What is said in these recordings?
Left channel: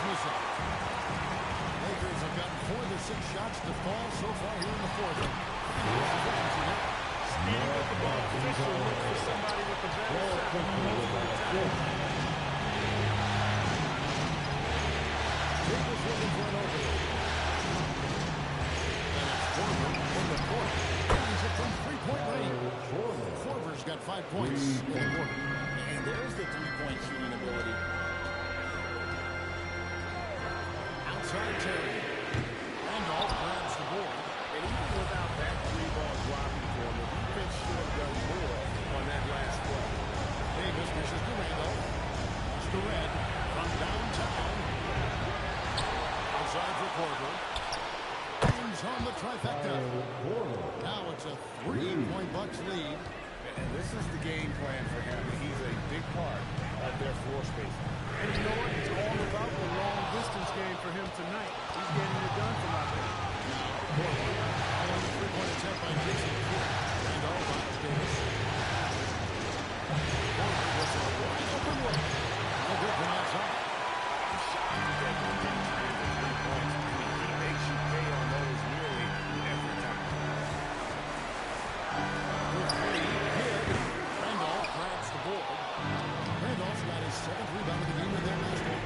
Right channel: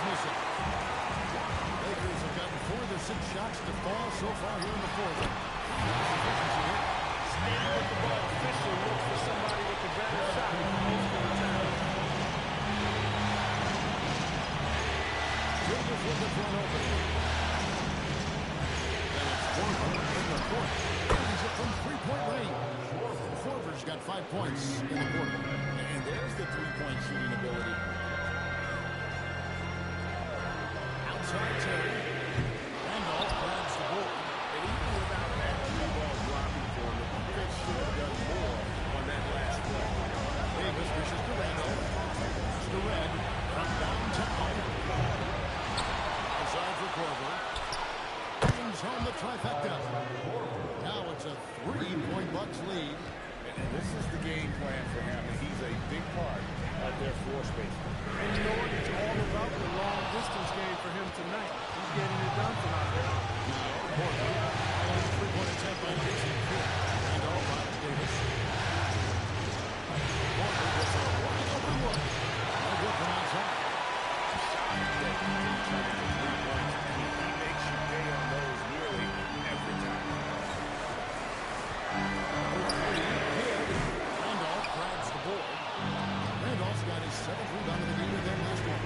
is missing. Lakers have gotten 4 of their 6 shots to fall so far here in the fourth. Pretty nice efficiency there. Standing with the ball, Fisher looks for somebody with a better shot most of the time. Davis looking for an opening. And it's Korver in the corner. He's it from three-point range. Korver's got 5 points in the quarter. And there's the three-point shooting ability. Outside Terry. Randolph grabs the board. And even without that 3-ball dropping for him, the defense should have done more on that last play. Davis dishes to Randolph. To Red from downtown. Outside for Korver. Brings home the trifecta. Now it's a 3-point Bucks lead. And this is the game plan for him. And he's a big part of their floor spacing. And you know what? It's all about the long-distance game for him tonight. He's getting it done from out there. Now, Korver. Following the 3-point attempt by Jason Kidd. Randolph finds Davis. Korver gets a wide-open look. No good from outside. I'm shocked that he didn't turn into 3 points. I mean, he makes you pay on those nearly every time. For 3, Kidd. Randolph grabs the board. Randolph's got his 7th rebound of the game with their last one.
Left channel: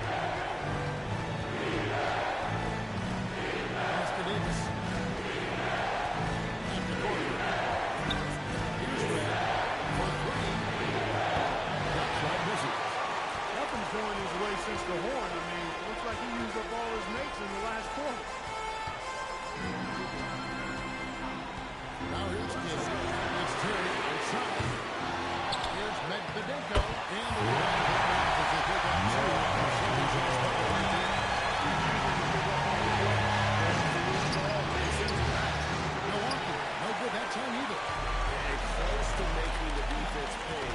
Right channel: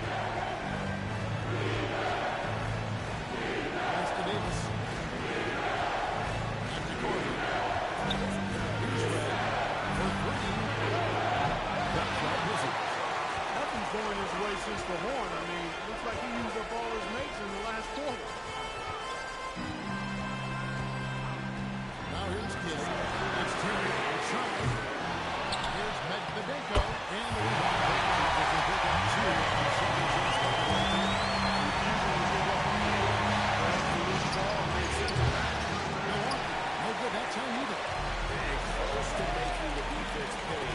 Pass to Davis. Back to Korver. Here's Red for 3. That shot misses. Nothing's going his way since the horn. I mean, it looks like he used up all his mates in the last quarter. Now here's Kidd. It's Terry outside. Here's Medvedenko. And the rebound taken off as they pick up 2 on the second chance bucket right there. Usually you give up on the play. Grabs the loose ball and then sends it back. Milwaukee, no good that time either. And close to making the defense pay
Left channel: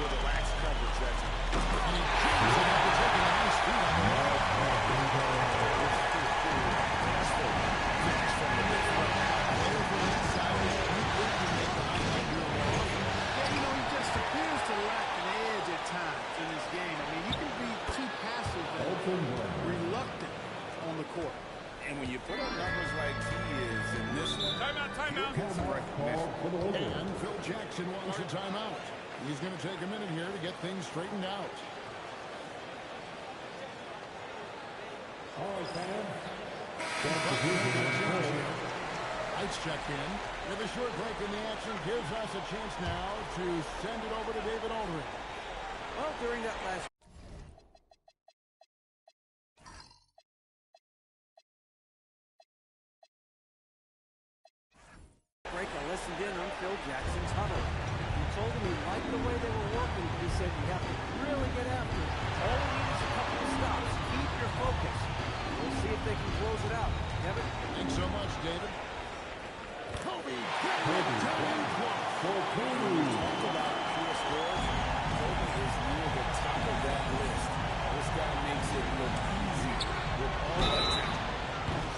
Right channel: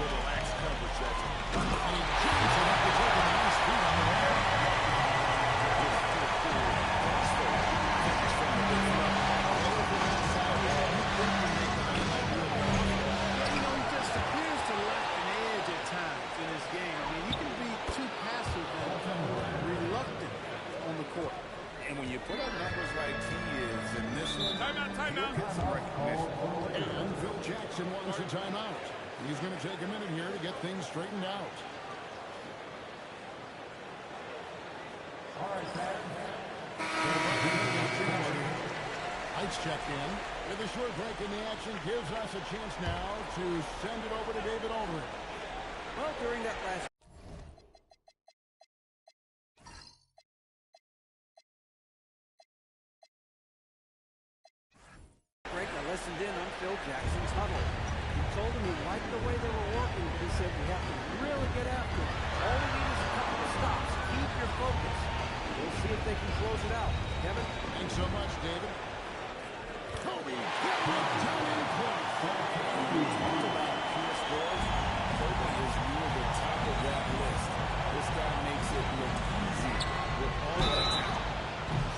for the lax coverage that's it. And he jams it after taking a nice feed on the wall. Finish from the big throw. Away from that side, you think you make the highlight reel more often. Yeah, you know, he just appears to lack an edge at times in this game. I mean, he can be too passive and reluctant on the court. And when you put up numbers like he is in this one, Timeout. get some recognition. And Phil Jackson wants a timeout. He's going to take a minute here to get things straightened out. All right, man. The Bucks making a change here. Lights checked in. With a short break in the action gives us a chance now to send it over to David Aldridge. Well, during that last break, I listened in on Phil Jackson's huddle. He told him he liked the way they were working, but he said we have to really get after it. All we need is a couple of stops. Keep your focus. We'll see if they can close it out. Kevin? Thanks so much, David. Kobe getting it done in close. When we talk about pure scores, Kobe is near the top of that list. This guy makes it look easy with all that talent.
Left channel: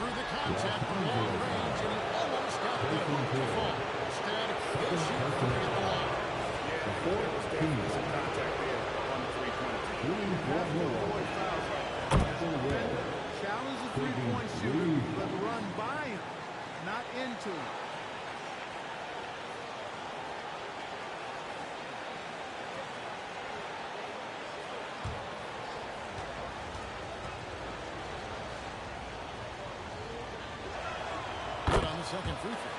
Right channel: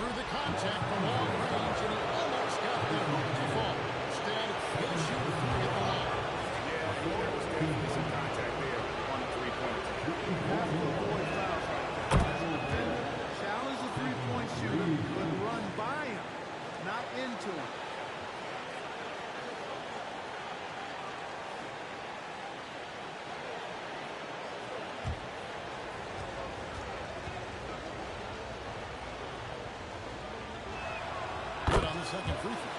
Through the contact from long range, and he almost got the hoop to fall. Instead, he'll shoot 3 at the line. Yeah, there was definitely some contact there on the three-point attempt. You have to avoid fouls like that. As a defender, challenge the three-point shooter, but run by him, not into him. Good on the second free throw.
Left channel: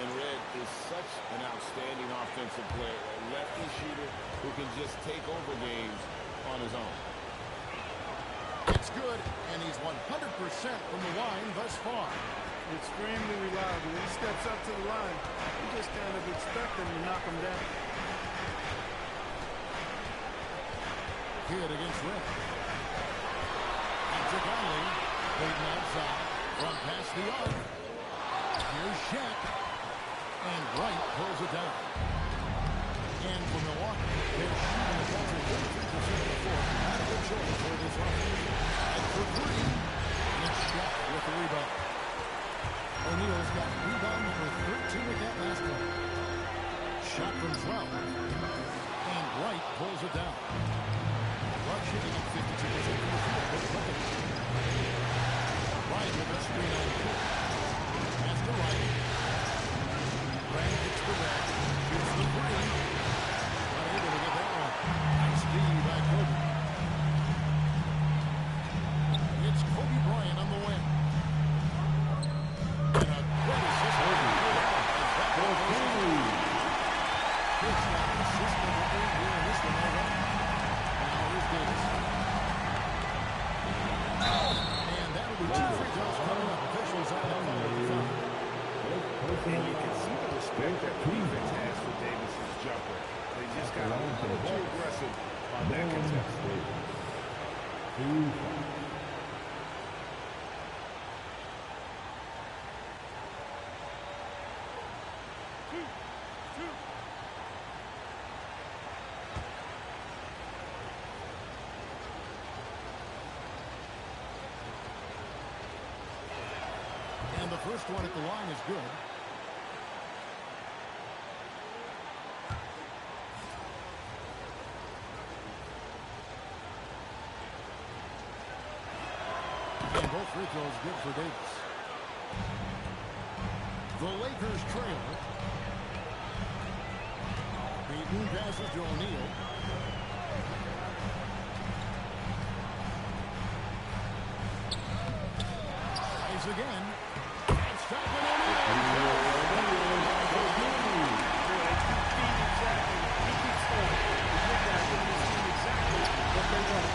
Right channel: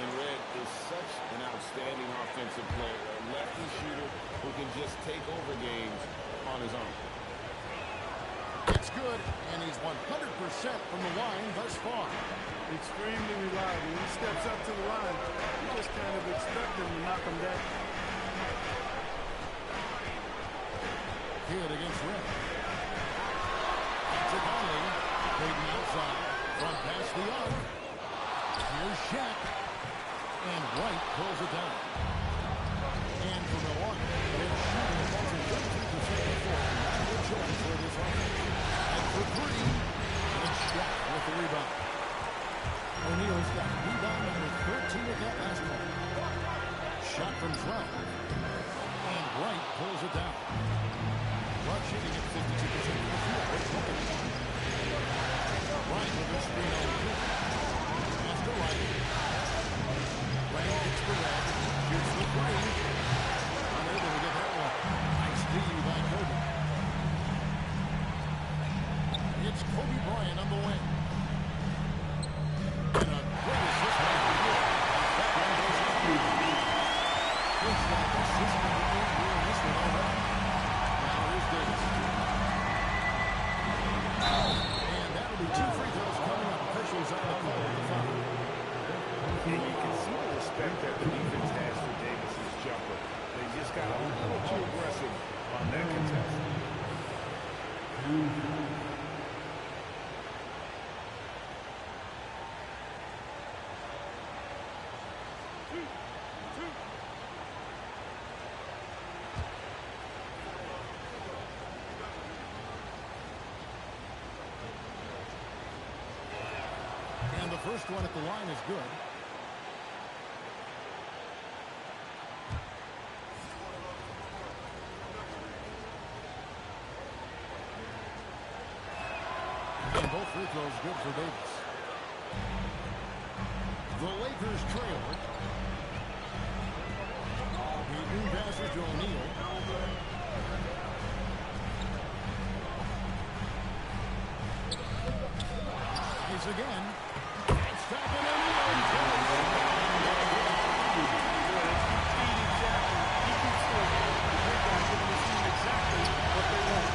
And Red is such an outstanding offensive player, a lefty shooter who can just take over games on his own. It's good, and he's 100% from the line thus far. Extremely reliable. When he steps up to the line, you just kind of expect him to knock him down. Kidd against Red. Patrick Conley, Peyton outside, front past the arc. Here's Shaq. And Wright pulls it down. And for Milwaukee, they're shooting a bunch of 33% of the floor. Not a good choice for this offense. And for 3, it's Shaq with the rebound. O'Neal's got rebound number 13 with that last one. Shot from 12. And Wright pulls it down. Rush hitting at 52% from the field. But look at Right with a screen on two. Pass to right. Brand gets the red. Shoots the three. Unable to get that one. Nice D by Kobe. It's Kobe Bryant on the wing. And a great assist by Kobe as that one goes in. Kid's got assist number 8 here in this one already. Now here's Davis. And that'll be 2 free throws coming up. Officials on the call at the foul. And you can see the respect that the defense has for Davis's jumper. They just got a little too aggressive on that contest. And the first one at the line is good. And both free throws good for Davis. The Lakers trail. Payton passes to O'Neal. Nice again. That's stopping O'Neal. Boy, they keep feeding Jackson. He keeps scoring. The big guy giving his team exactly what they want.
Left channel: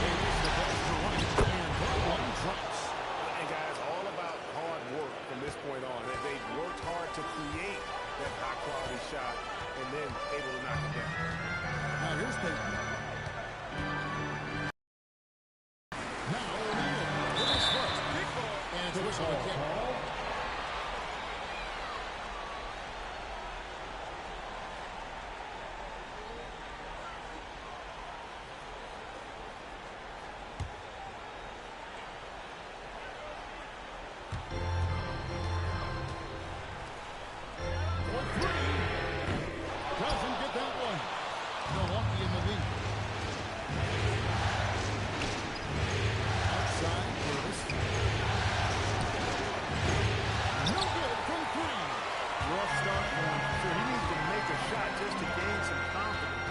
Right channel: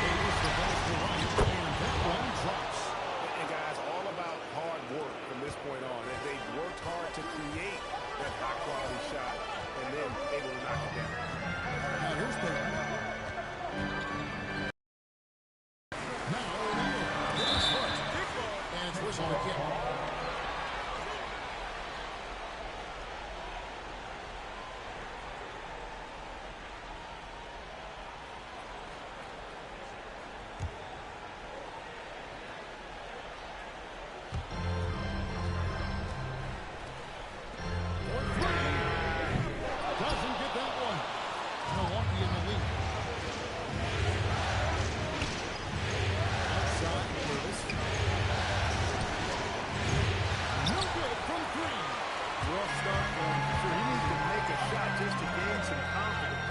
Davis the pass to right, and that one drops. And guys, all about hard work from this point on. They've worked hard to create that high-quality shot and then able to knock it down. Now here's Payton. Now O'Neal with his foot. And it's whistle to kick. Doesn't get that one. Milwaukee in the lead. Outside, Davis. No good from 3. Rough start for him for sure. He needs to make a shot just to gain some confidence.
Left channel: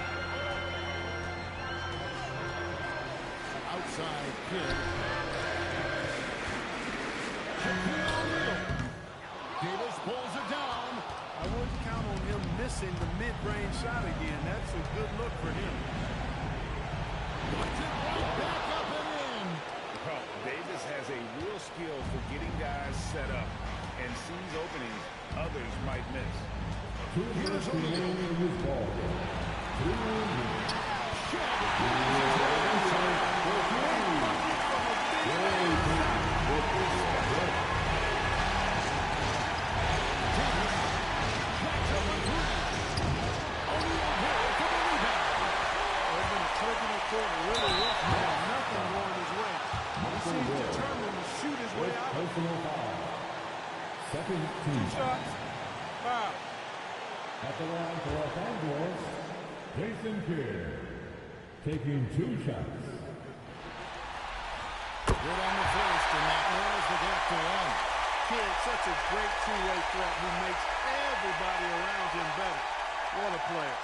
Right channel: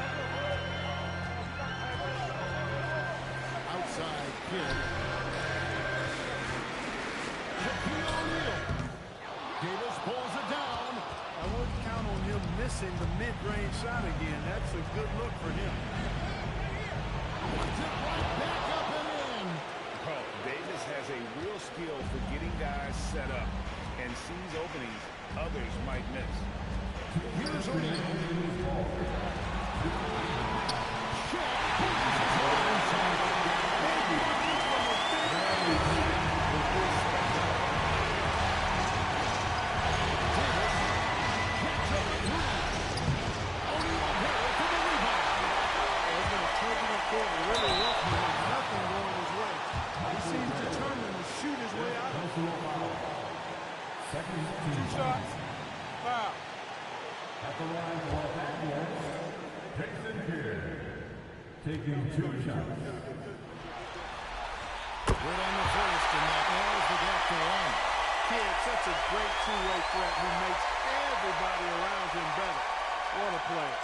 Outside, Kidd. Shaquille O'Neal. Davis pulls it down. I wouldn't count on him missing the mid-range shot again. That's a good look for him. Puts it right back up and in. Well, Davis has a real skill for getting guys set up and sees openings others might miss. Here's O'Neal. Shaq pulls his way inside. Big bucket from a big man shot. Special. Davis jacks up a 3. O'Neal here for the rebound. It's been a turbulent quarter, really rough for him. Nothing going his way. He seems determined to shoot his way out of it. Second 2 shots. Foul. At the line for Los Angeles, Jason Kidd taking 2 shots. Good on the first, and that narrows the gap to 1. Kidd, such a great two-way threat who makes everybody around him better. What a player.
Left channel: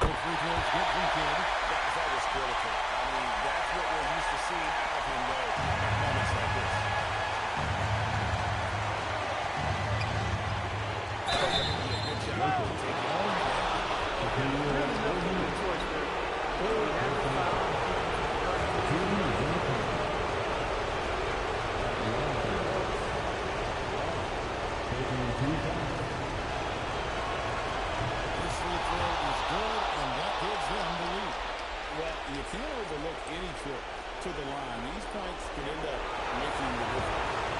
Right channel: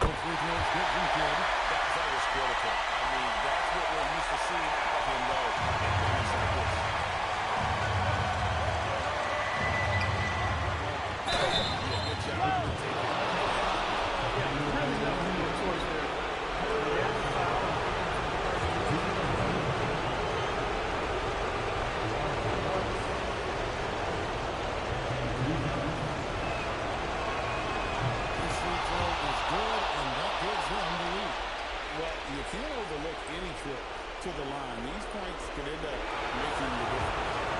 Both free throws good from Kidd. Guys, that was critical. I mean, that's what we're used to seeing out of him, though, in moments like this. Yeah, good job. Take it right at. Really nothing no choice there. He had the foul and keep him from converting. This free throw is good, and that gives them the lead. Well, you can't overlook any trip to the line. These points could end up making the difference.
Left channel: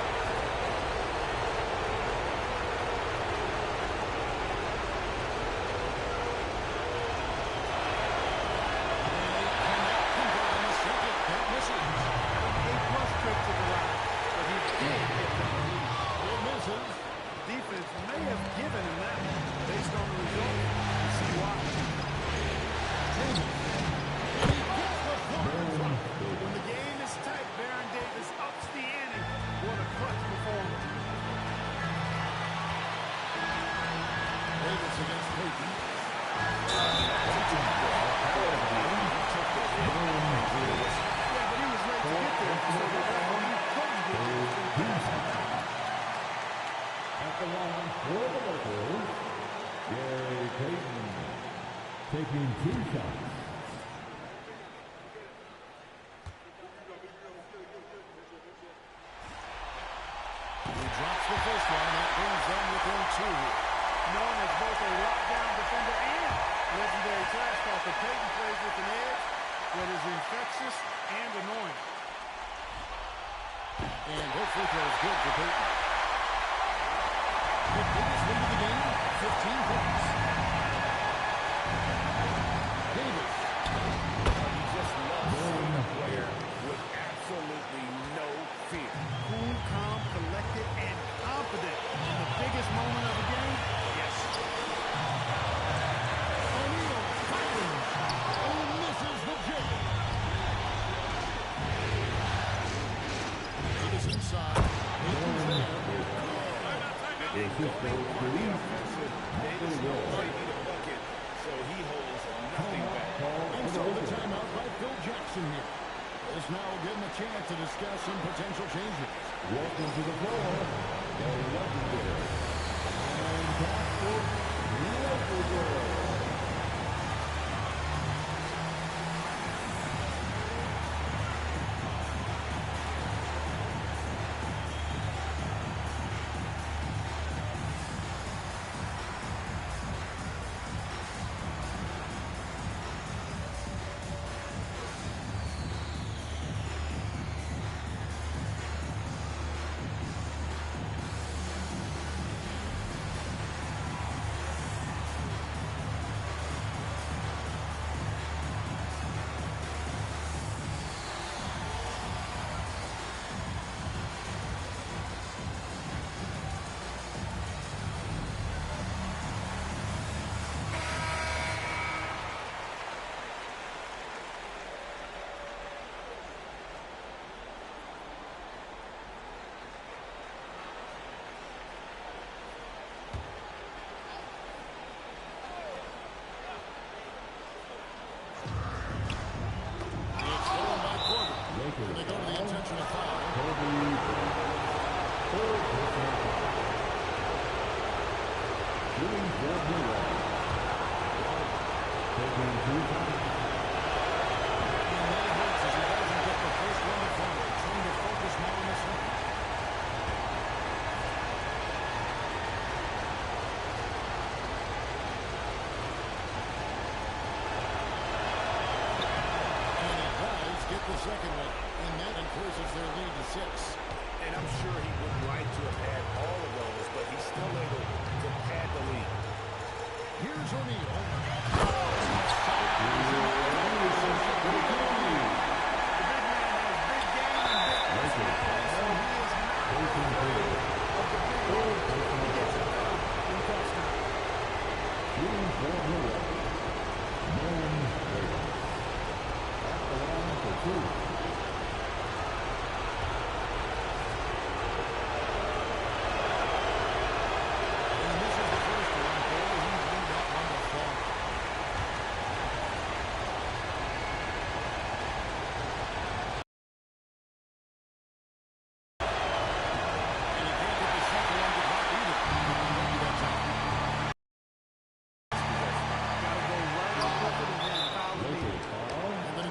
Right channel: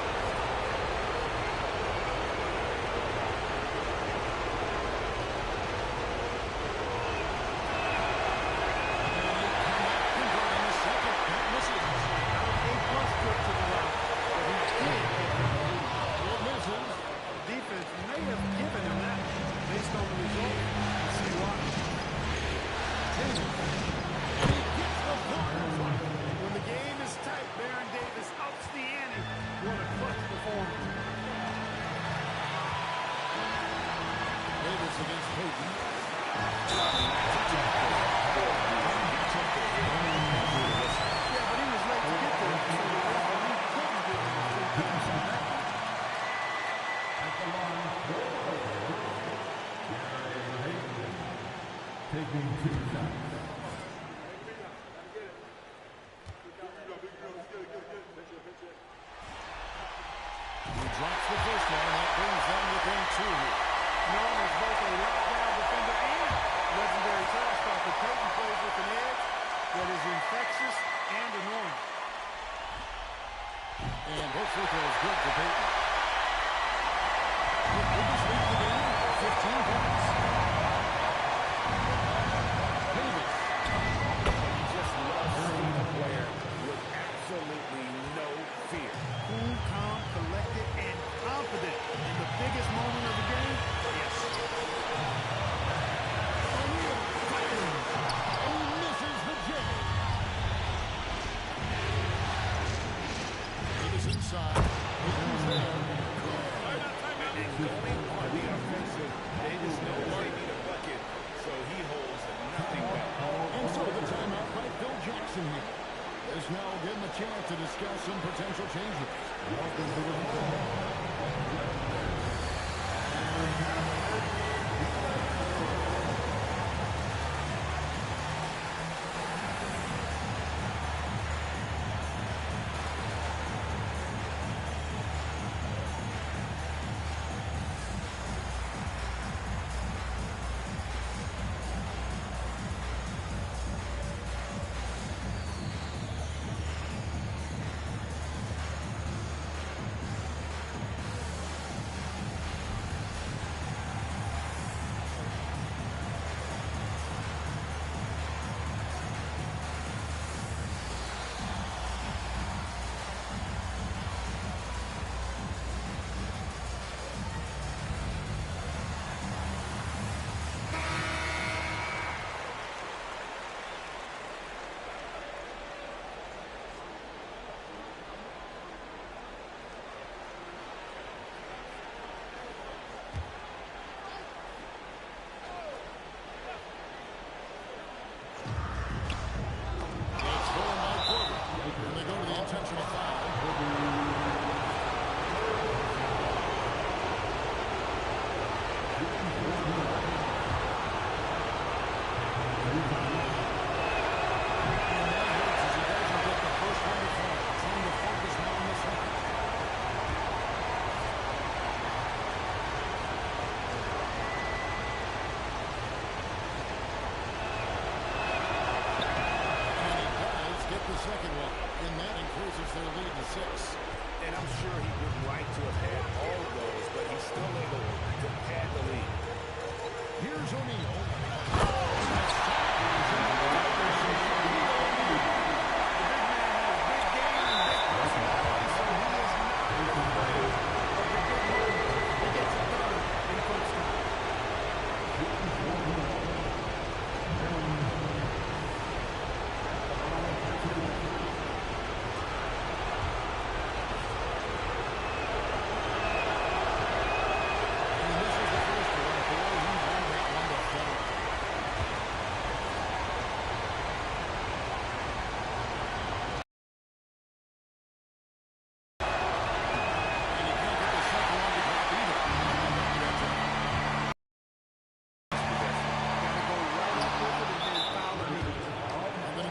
Not an A-plus trip to the line, but he did get them the lead. It misses. defense may have given him that. Based on the result, you see why. Davis. And he gets the corner drop. When the game is tight, Baron Davis ups the ante. What a clutch performance. Davis against Payton. Yeah, but he was late to get there, so the referee couldn't give him a free pass on that one. At the line for the Lakers, Gary Payton taking 2 shots. He drops the first one, and that brings them within 2 here. Known as both a lockdown defender and legendary trash talker, Payton plays with an edge that is infectious and annoying. And both free throws good for Payton. The biggest lead of the game, 15 points. Davis. He just loves seeing a player with absolutely no fear. Cool, calm, collected, and confident in the biggest moment of the game. Yes. O'Neal fires, and he misses the J. Davis inside. Payton's there. And going on the offensive, Davis knows they need a bucket, so he holds nothing back. And so the timeout by Phil Jackson here. This now will give him a chance to discuss some potential changes. Welcome to the floor, the legendary And they go to the intentional foul. And that hurts as he doesn't get the first one to fall. Trying to focus now on the second. Get the second one, and that increases their lead to 6. And I'm sure he would like to have had all of those, but he's still able to pad the lead. Here's O'Neal. The big man has big game and big personality, so he is not afraid of the big moments. He gets it done in crunch time.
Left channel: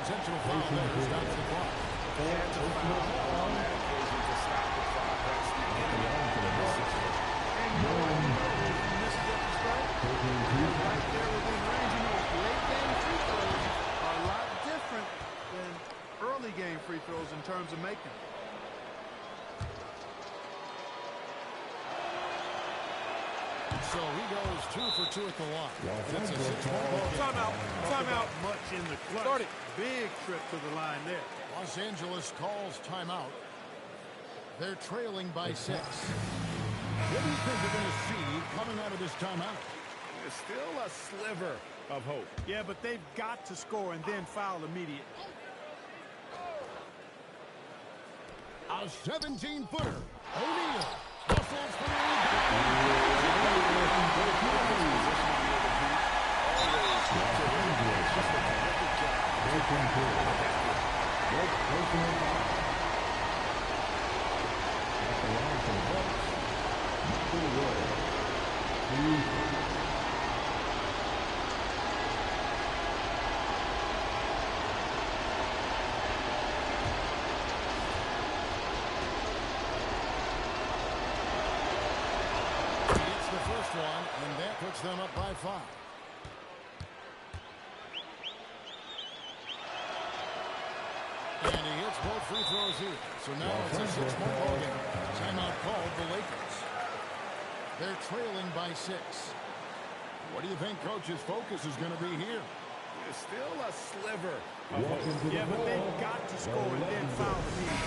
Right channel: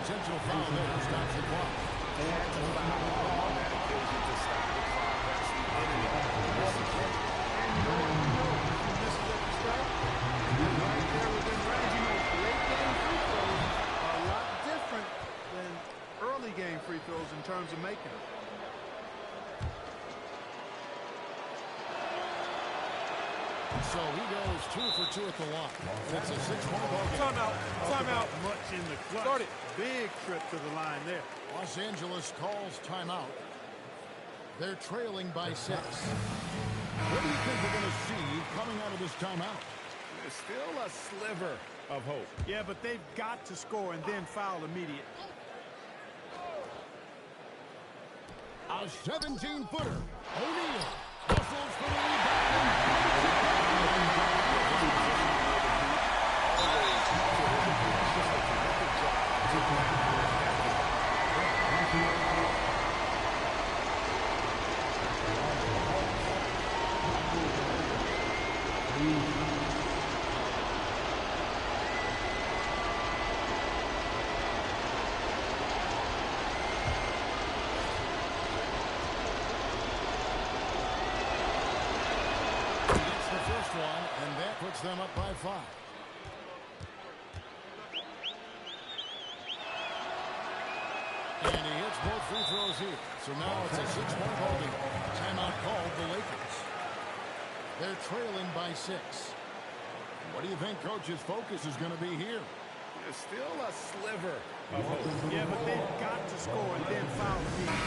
Intentional foul there stops the clock. They had to foul on that occasion to stop the clock. That's the enemy in this situation. And you know what? If he misses at the strike, you're right there within range. Late game free throws are a lot different than early game free throws in terms of making them. So he goes 2 for 2 at the line. It's a 6-point ball game. Timeout. Timeout. Much in the clutch. Start it. Big trip to the line there. Los Angeles calls timeout. They're trailing by 6. What do you think we're going to see coming out of this timeout? There's still a sliver of hope. Yeah, but they've got to score and then foul immediately. A 17-footer. O'Neal hustles for the rebound and brings it back in. Always to his advantage. Just a terrific job to take that back in. He gets the first one, and that puts them up by 5. And he hits both free throws here. So now it's a 6-point ball game. Timeout called the Lakers. They're trailing by 6. What do you think Coach's focus is going to be here? There's still a sliver of hope. Yeah, but they've got to score and then foul immediately.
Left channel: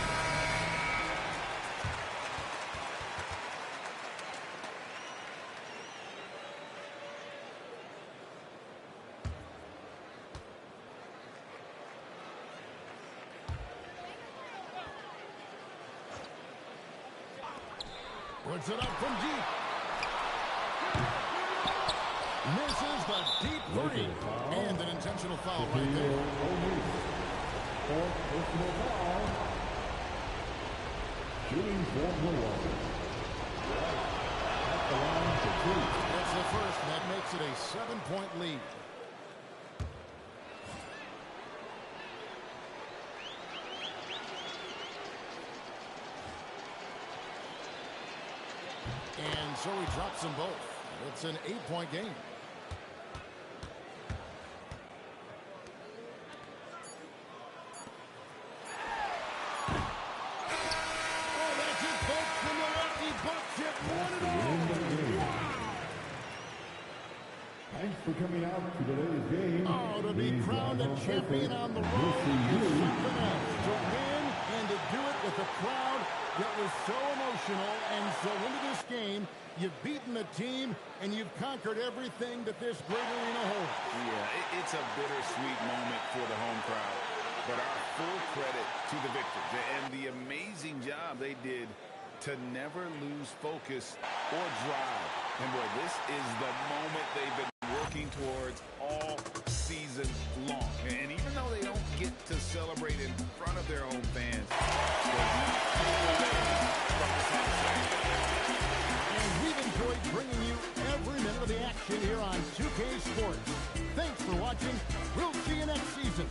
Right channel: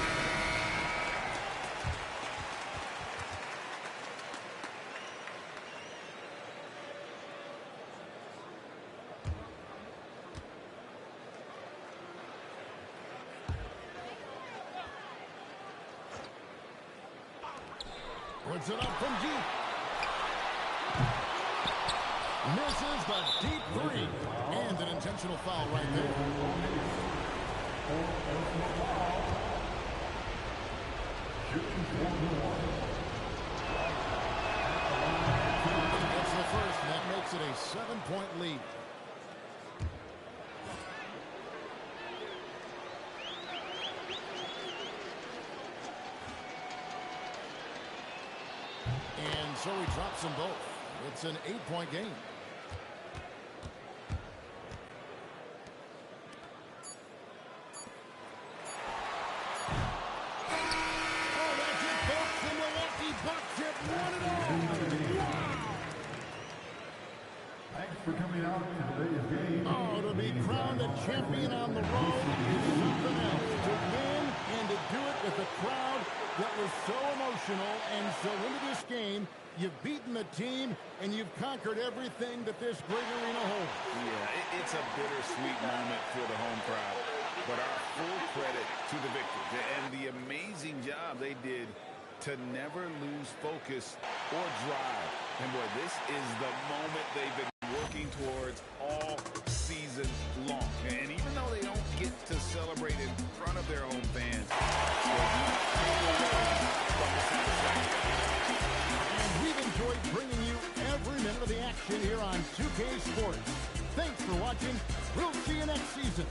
Puts it up from deep. Misses the deep 3. And an intentional foul right there. Shooting for Milwaukee. That's the first, and that makes it a 7-point lead. And so he drops them both. It's an 8-point game. Oh, that's it, folks. The Milwaukee Bucks have won it all. Wow. Thanks for coming out to today's game. Oh, to be crowned a champion on the road is something else. To win and to do it with a crowd that was so emotional and so into this game, you've beaten the team and you've conquered everything that this great arena holds. Yeah, it's a bittersweet moment for the home crowd. But our full credit to the victors and the amazing job they did to never lose focus or drive. And boy, this is the moment they've been working towards all season long. And even though they don't get to celebrate in front of their own fans, they not take away from the satisfaction. And we've enjoyed bringing you every minute of the action here on 2K Sports. Thanks for watching. We'll see you next season.